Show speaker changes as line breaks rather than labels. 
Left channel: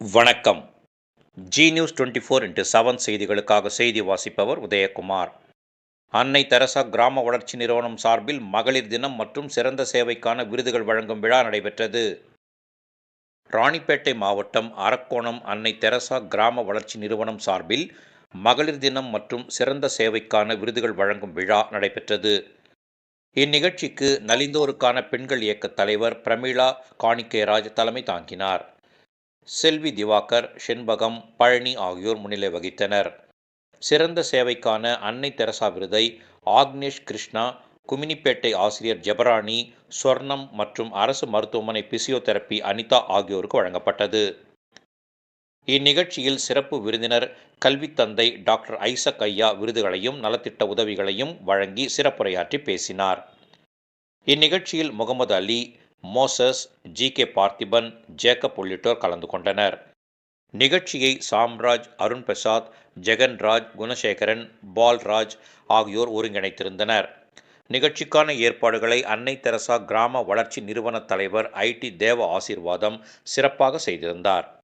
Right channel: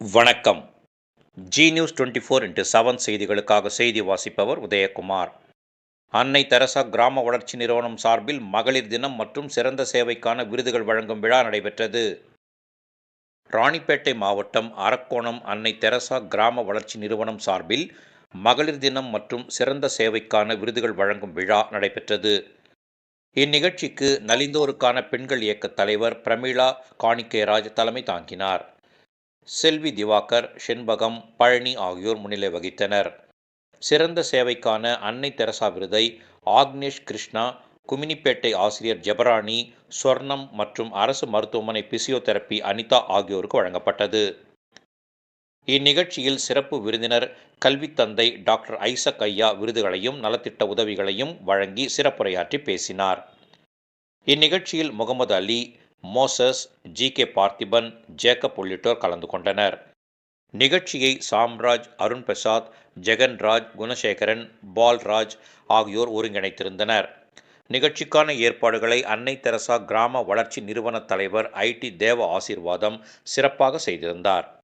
வணக்கம். G news twenty four into seven செய்திகளுக்காக செய்தி வாசிப்பவர் உதயகுமார். அன்னை தெரசா கிராம வளர்ச்சி நிறுவனம் சார்பில் மகளிர் தினம் மற்றும் சிறந்த சேவைக்கான விருதுகள் வழங்கும் விழா நடைபெற்றது. ராணிப்பேட்டை மாவட்டம் அரக்கோணம் அன்னை தெரசா கிராம வளர்ச்சி நிறுவனம் சார்பில் மகளிர் தினம் மற்றும் சிறந்த சேவைக்கான விருதுகள் வழங்கும் விழா நடைபெற்றது. இந்நிகழ்ச்சிக்கு நலிந்தோருக்கான பெண்கள் இயக்க தலைவர் பிரமிளா காணிக்கேராஜ் தலைமை தாங்கினார். செல்வி திவாகர் செண்பகம் பழனி ஆகியோர் முன்னிலை வகித்தனர். சிறந்த சேவைக்கான அன்னை தெரசா விருதை ஆக்னேஷ் கிருஷ்ணா குமினிப்பேட்டை ஆசிரியர் ஜெபராணி சொர்ணம் மற்றும் அரசு மருத்துவமனை பிசியோதெரப்பி அனிதா ஆகியோருக்கு வழங்கப்பட்டது. இந்நிகழ்ச்சியில் சிறப்பு விருந்தினர் கல்வித்தந்தை டாக்டர் ஐசக் ஐயா விருதுகளையும் நலத்திட்ட உதவிகளையும் வழங்கி சிறப்புரையாற்றி பேசினார். இந்நிகழ்ச்சியில் Muhammad Ali Moses G. K. Parthiban Jacob உள்ளிட்டோர் கலந்து கொண்டனர். நிகழ்ச்சியை சாம்ராஜ் அருண் பிரசாத் ஜெகன்ராஜ் குணசேகரன் பால்ராஜ் ஆகியோர் ஒருங்கிணைத்திருந்தனர். நிகழ்ச்சிக்கான ஏற்பாடுகளை அன்னை தெரசா கிராம வளர்ச்சி நிறுவன தலைவர் ஐடி தேவ ஆசீர்வாதம் சிறப்பாக செய்திருந்தார்.